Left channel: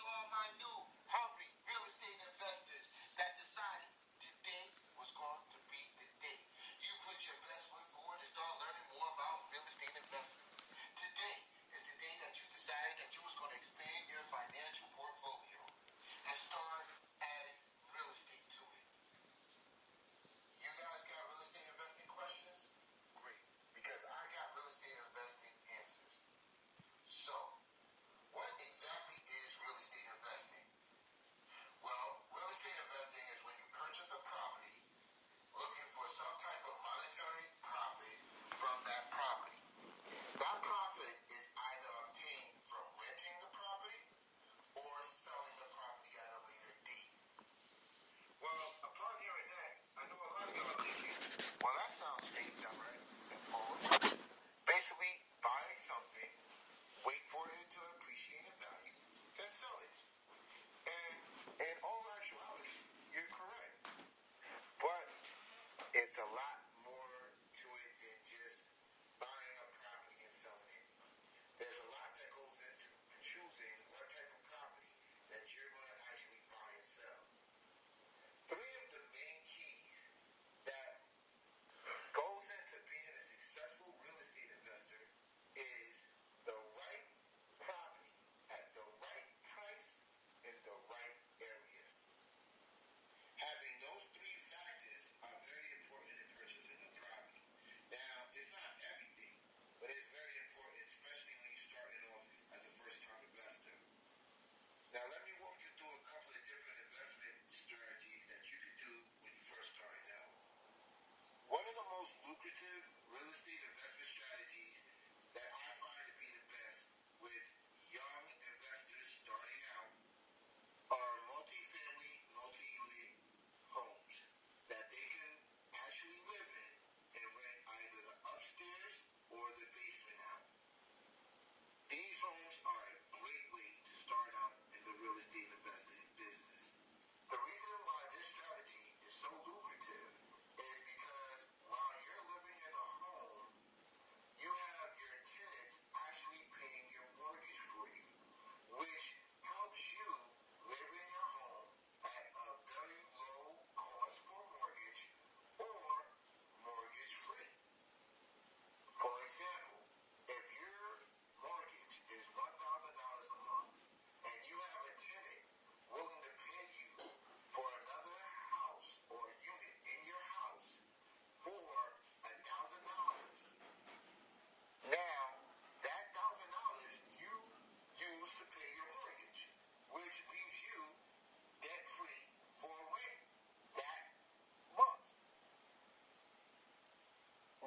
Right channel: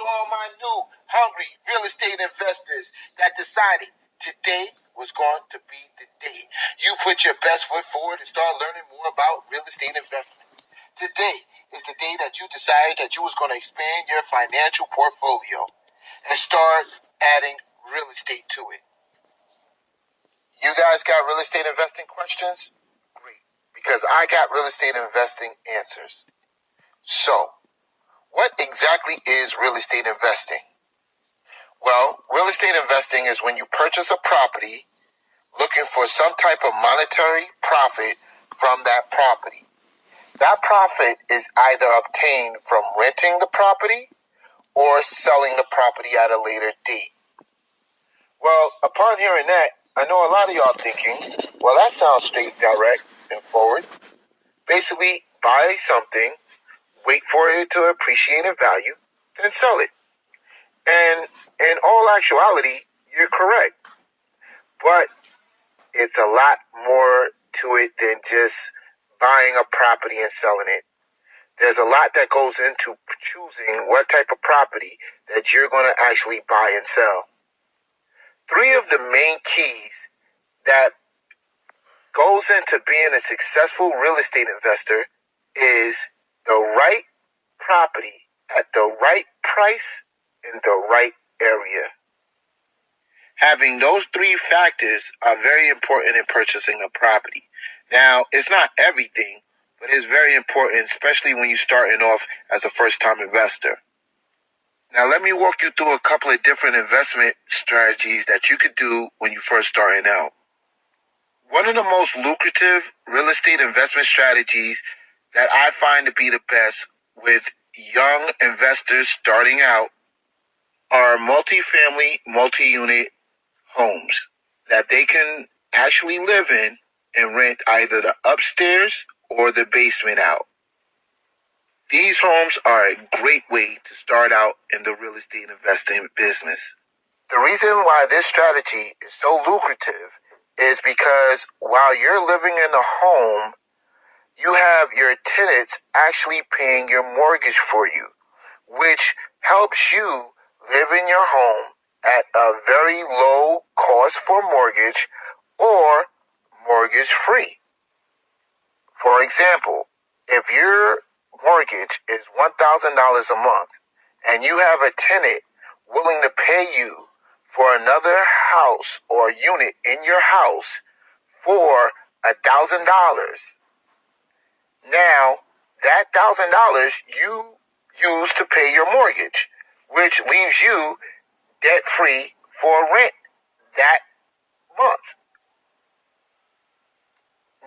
to all my new, hungry real estate investors that decided today was going to be the day you put your best foot forward and start learning more about real estate investment. Today is the day that you decided that you was going to expand your financial portfolio and start adding real estate to it. You guys got real estate investing questions? Great, because I got real estate investing answers. So, what exactly is real estate investing? Well, real estate investing is when you purchase a property looking for some type of monetary profit from that property. That profit is either obtained from renting the property or selling the property at a later date. Well, upon hearing that, I know a lot of y'all thinking, well, that sounds straight, direct, and forward. Basically, buy something, wait for it to appreciate in value, then sell it. And in all actuality, you're correct. But it's a lot more to it than just buying a property and selling it. There's a lot that goes into choosing what type of property that you're going to actually buy and sell. 3 of the main keys that goes into being a successful real estate investor is the right property at the right price in the right area. Having those 3 factors are very important in purchasing a property. Now, it's not everything, but it's very important, especially when you're starting off as a first-time investor. Now, let me walk you through a couple of different investment strategies that you could do when you're first starting out. One of the most lucrative real estate investment strategies that I find to be the best with young investors starting out are multifamily, multi-unit homes that they can actually live in and rent either the upstairs or the basement out. These homes are a great way to start out in the real estate investing business. The reason why this strategy is so lucrative is because while you're living in a home, you have your tenants actually paying your mortgage for you, which helps you live in your home at a very low cost for mortgage or mortgage free. For example, if your mortgage is $1,000 a month and you have a tenant willing to pay you for another house or unit in your house for $1,000, now that $1,000 you use to pay your mortgage, which leaves you debt-free for rent that month.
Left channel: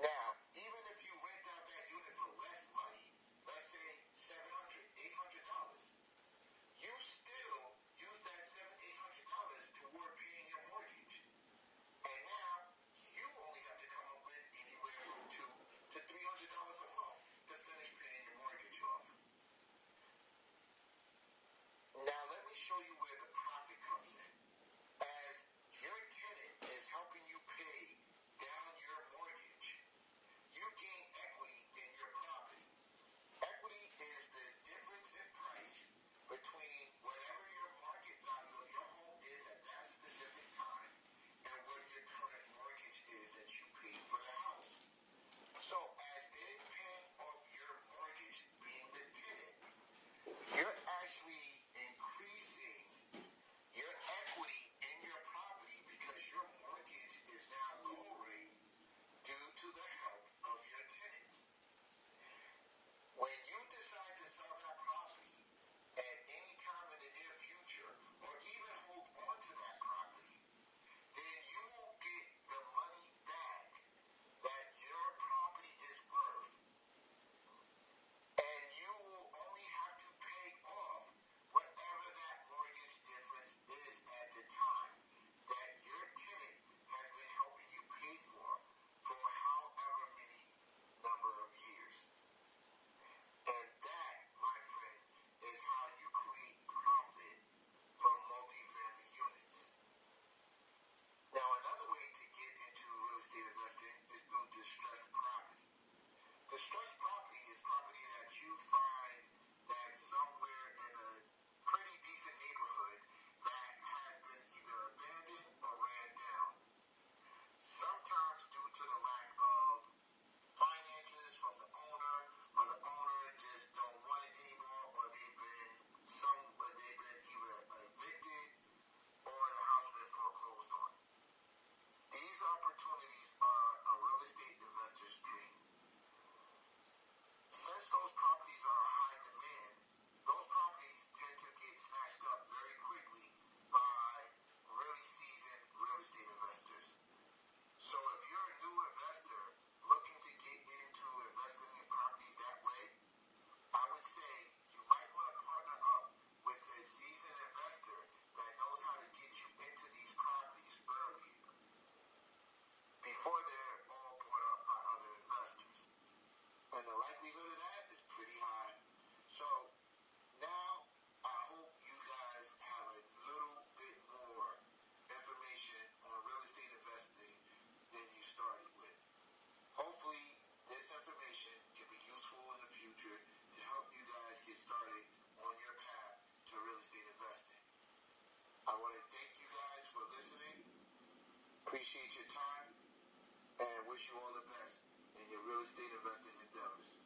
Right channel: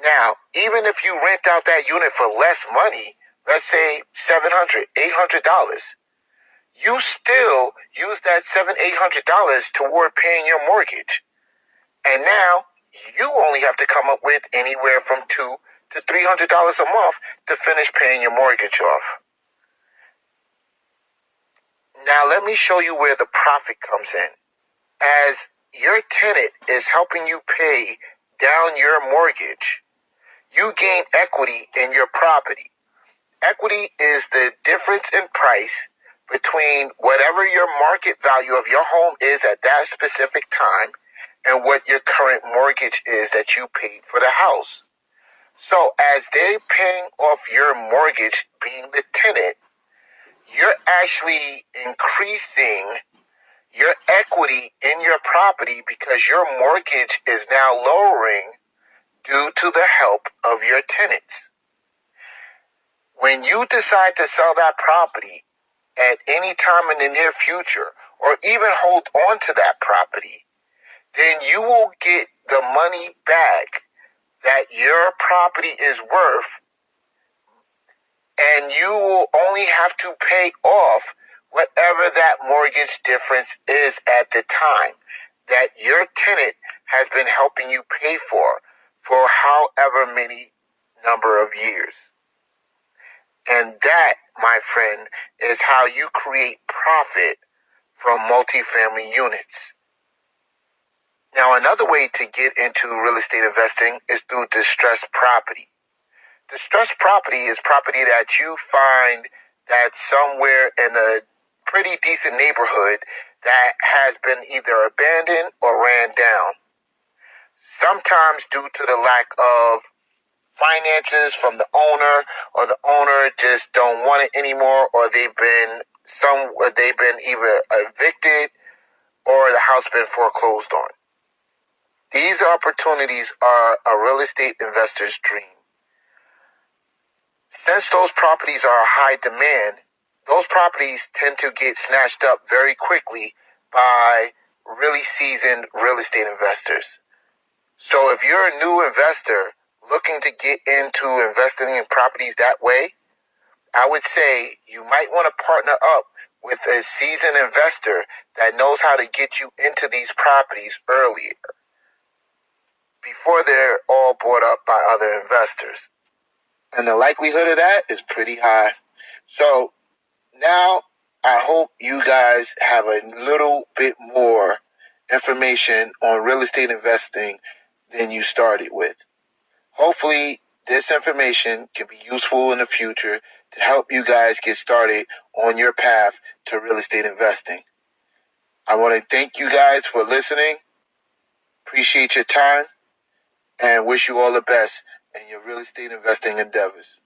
Now, even if you rent out that unit for less money, let's say $700, $800, you still use that $700, $800 toward paying your mortgage. And now you only have to come up with anywhere from $200 to $300 a month to finish paying your mortgage off. Now let me show you where the profit comes in. As your tenant is helping you pay down your mortgage, you gain equity in your property. Equity is the difference in price between whatever your market value of your home is at that specific time and what your current mortgage is that you paid for the house. So as they're paying off your mortgage, being the tenant, you're actually increasing your equity in your property because your mortgage is now lowering due to the help of your tenants. When you decide to sell that property at any time in the near future, or even hold on to that property, then you will get the money back that your property is worth, and you will only have to pay off whatever that mortgage difference is at the time that your tenant has been helping you pay for however many number of years. And that, my friend, is how you create profit from multifamily units. Now, another way to get into real estate investing is through distressed property. Distressed property is property that you find that's somewhere in a pretty decent neighborhood that has been either abandoned or ran down. Sometimes due to the lack of finances from the owner, or the owner just don't want it anymore, or they've been either evicted or the house been foreclosed on. These opportunities are a real estate investor's dream. Since those properties are high demand, those properties tend to get snatched up very quickly by really seasoned real estate investors. So if you're a new investor looking to get into investing in properties that way, I would say you might want to partner up with a seasoned investor that knows how to get you into these properties earlier, before they're all bought up by other investors. And the likelihood of that is pretty high. So now I hope you guys have a little bit more information on real estate investing than you started with. Hopefully this information can be useful in the future to help you guys get started on your path to real estate investing. I want to thank you guys for listening. Appreciate your time and wish you all the best in your real estate investing endeavors.